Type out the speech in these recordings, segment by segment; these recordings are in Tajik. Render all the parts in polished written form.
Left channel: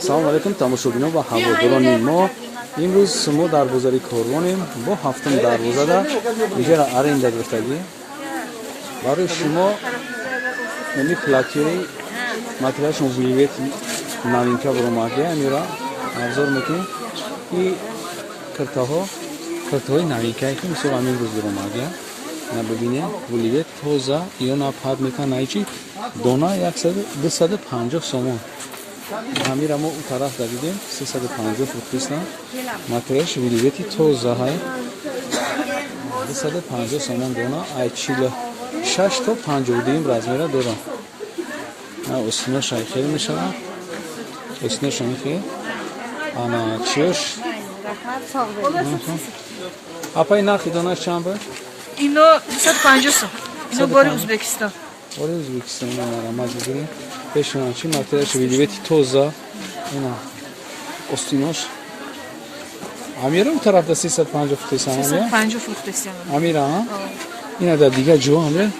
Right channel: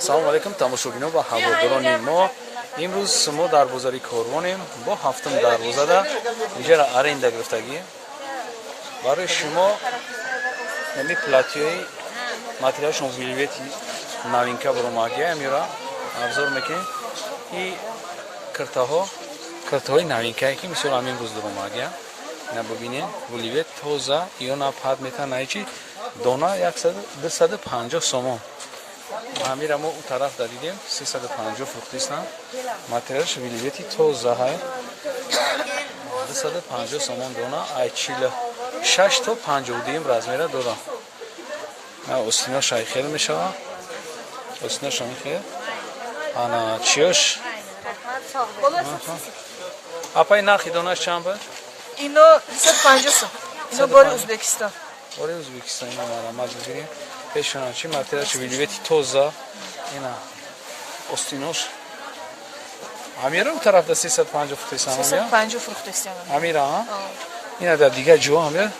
Салому алейкум тамошобинон ва ҳаводорони мо. Имрӯз мо дар бозари Корвонем бо ҳафтум дарвозада инҷера аренда гирифтагӣ. Барои шумо ами платиёи материалшон вилвети новинка буромадия амира обзор мекунем. И картаҳои новинкае ки мисол имрӯз буромадия. На бибинем вилвет тоза ё на пад мекана ичи дона 250 сомон. Амира мо у тараф давидем 350 фруктисна. Материалш вилвети тоза ҳай 250 сомон дона ай 46 то 52 размера дора. Остина шайхел мешава. Остина шайхел. Ана чиёш. Апай нахи донаш чанд ба? Ино 250 сом. Ино бори Узбекистон. Бори Узбекистон мара маҷбурӣ. Пешона чи материалш вилвети тоза. Ина остинош. Амира у тарафда 350 фруктисан амира. 350 фруктисан. Амира. Ина дар дига ҷо амира.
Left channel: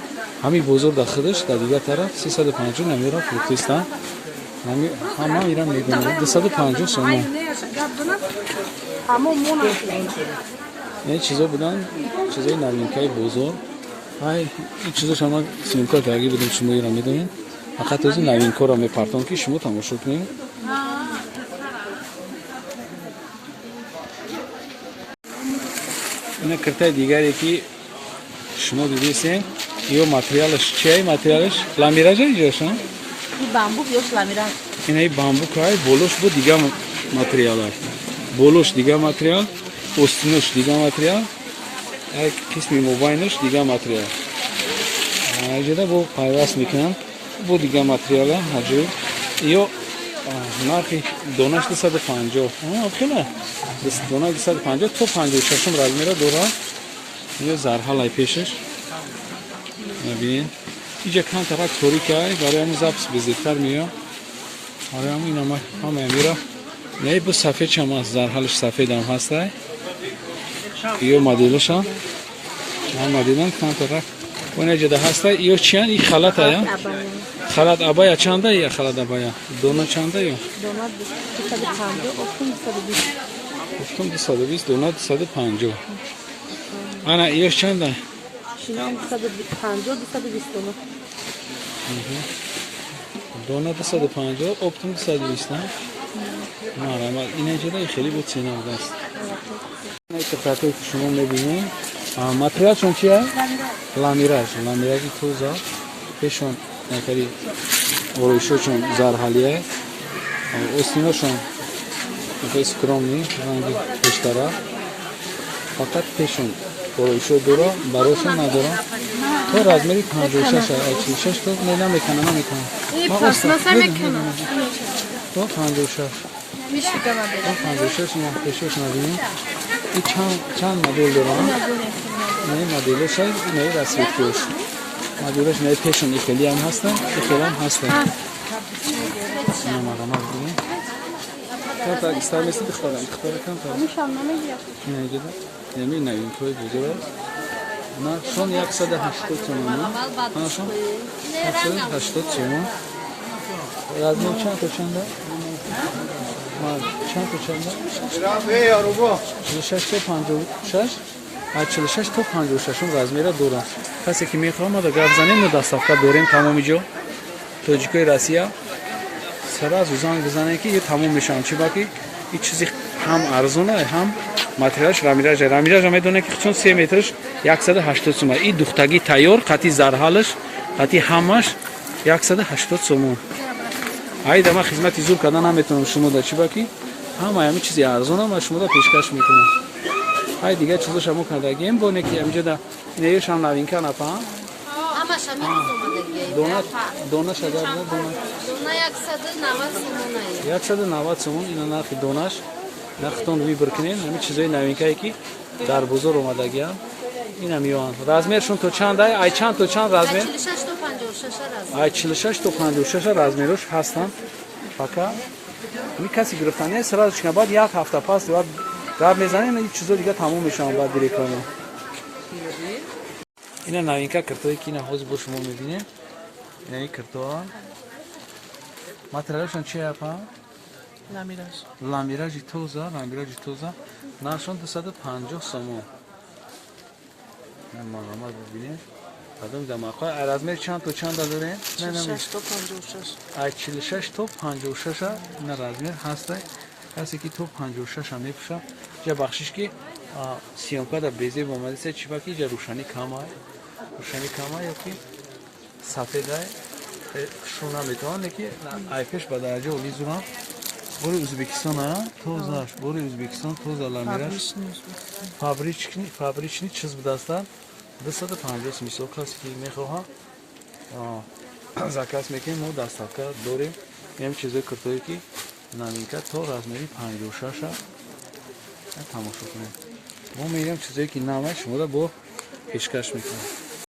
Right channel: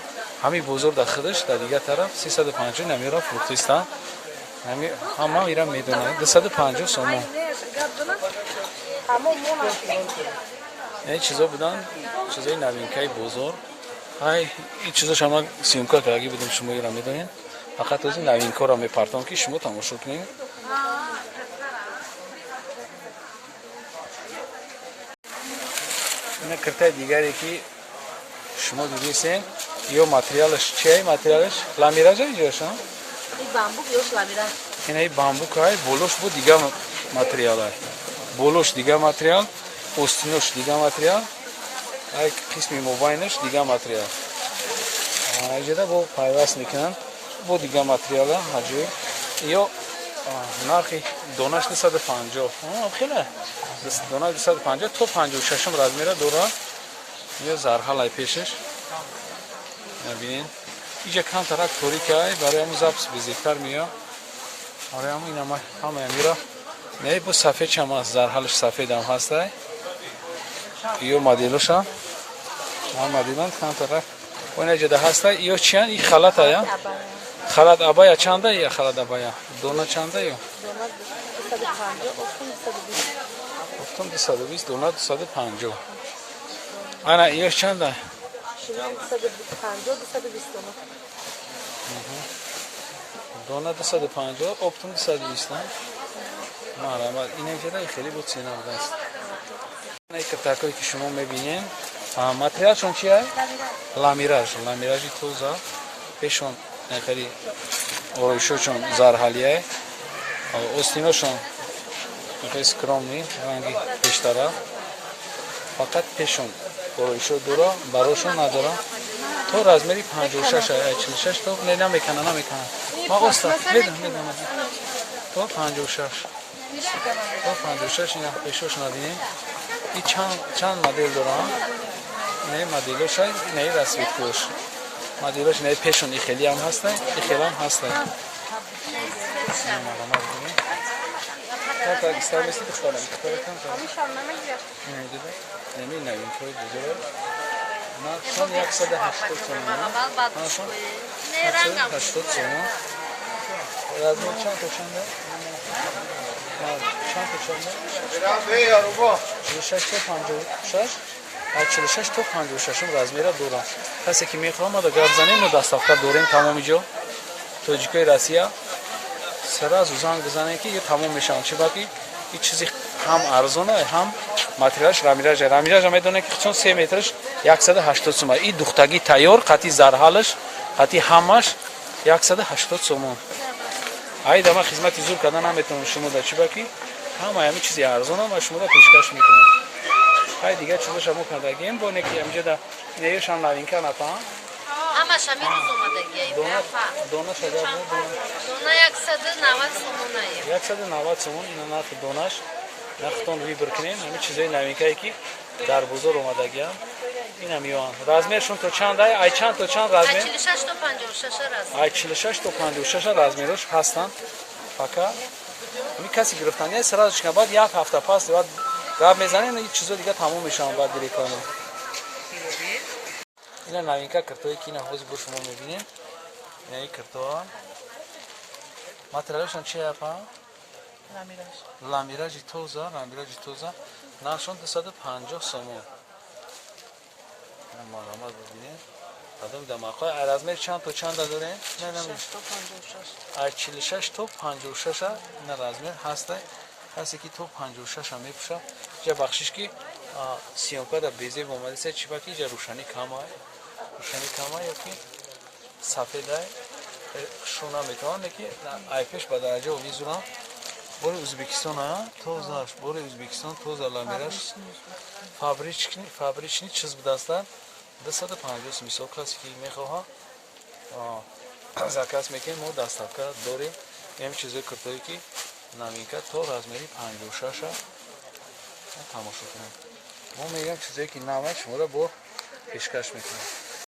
Ҳами бозор дар худаш дар дига тараф 350 амира фруктисан. Ҳами ҳама ира медонад 250 сомон. Ҳамо мона. Не чизо будан, чизои новинкаи бозор. Ай, ин чизо шумо симка караги будем шумо ира медонед. Фақат ози новинкаро мепартон ки шумо тамошо кунед. Ина картаи дигаре ки шумо дидисен, ё материалаш чиай? Материалаш ламиража иҷоша? И бамбук ё ламираж. Ина и бамбук ай, болош бу дига материал ай. Болош дига материал, остинош дига материал. Ай қисми мобайнаш дига материал. Аҷада бо пайваст мекунанд. Бо дига материала ҳаҷоиб. Ё нархи донаш 250. Хеле. Дона 250 то 56 размера дора. Ё зарҳалай пешаш. Набинед. Иҷа камтарак торикай, барои ҳамин запис безиктар меё. Барои ҳамин ҳама мира. Не бу сафед чам аст, зарҳалаш сафедам ҳастай. Ё моделаша. Ҳам моделан камтарак. Оина ҷада ҳастай. Ё чиан? И халата я? Халат абая чанда я халат абая? Дона чанда ё? Дона 220, дона 250. Ана ё чанда? Шинам 250, 220. Дона 250, оптум 220. Марама ина ҷада хеле бо цена будаст. Ина картакои ки шумо мебинед, материалшон чия? Ламираж, ламиражи тоза. Пешон якари ороишошон зарҳалия. Остиношон якари скромни, ранги пештара. Фақат пешон ороишо дора, барошон надора. То размери 56 ай 46 то не намекана. Ма оста медонам. То 56. То 56 ина пешош набинем. И чанд модель дорам? Не моделош ай, не расветкош. Моделош не пешон и хели ҳам ҳастан, и хелам ҳастан. Ина марамаз бинем. Камтар истармеси духтарам, духтара камтар. Амушам намегирад. Ина ҷада. Неми новинкаи бузург. Нархшон 180 сомон. Анашон 180 сомон. Размер чанд то чанда? Чанд то чанда? 46 то 56. 46 то 56 размера дорам. Касе ки мехоҳад ма гап занем, мо доставка дорем тамоми ҷо. Тоҷикои Россия. Сразу занг бизанем ки ё тамом мешавад. Чибаки ин чизи ҳам арзон ай, ҳам материалш рамираж. Рамираж медонем ки хусун 3 метрш 180 сомон. И духтаги тайёр, қати зарҳалаш, қати ҳамаш 180 сомон. Ай дама хизмати зур кардан наметавонам шумода чибаки ҳама ҳамин чизи арзон ама шумода пешкаш мекунам. Ай дига чизоша мо кардагем бо неки амҷада неёшам новинка напа. Ҳамаш ҳамин омадагиай. Дона шагар дона. Дона 190 сомон ина нархи донаш. Нархтон вибр кунем ҳамин чизои новинкае ки дар бозор омадагиам. Ина миён. Размершон то чанд ай? Ай чанд то чанд размер? 46 то 56 размер. Ай 46 то 56 размерош ҳастанд. Фака ми каси гирифтан не сразу шина баъд як ҳафта пас баъд гап мезанем ин чизо дига тамом мешавад баъд реклама. Ина новинка картое ки ина ҳозир бо шумо мебинем. Ина ин картоа материалшон чи апа? Lamiraj. لامیراجی توزا نرشون 250 سومون مارامر ببینید آدم دماغای ارزمه چند داره نه 46 تو 56 نه رزمه هسته کسی که تو 56 هم میپوشه جا بخشش که سیونکا در بیزه بومده سه چی باکی جا روشنی کمای یا که سفید های شونا میتوانه که ایکش به درجه اولی زورم بوری ازبکستان ها توزاش بوری ازبکستان توزا لامیراش فابریچنی چیز بدستن 250 میسو کسی که میخواه زکاس میکنیم مو دستاکا دوری یه چیزی کرتوی که نامینکا تو رزمری 56 ها تماشا کنیم ما میگم چیزی که نامه شما را با پیشکش میکنیم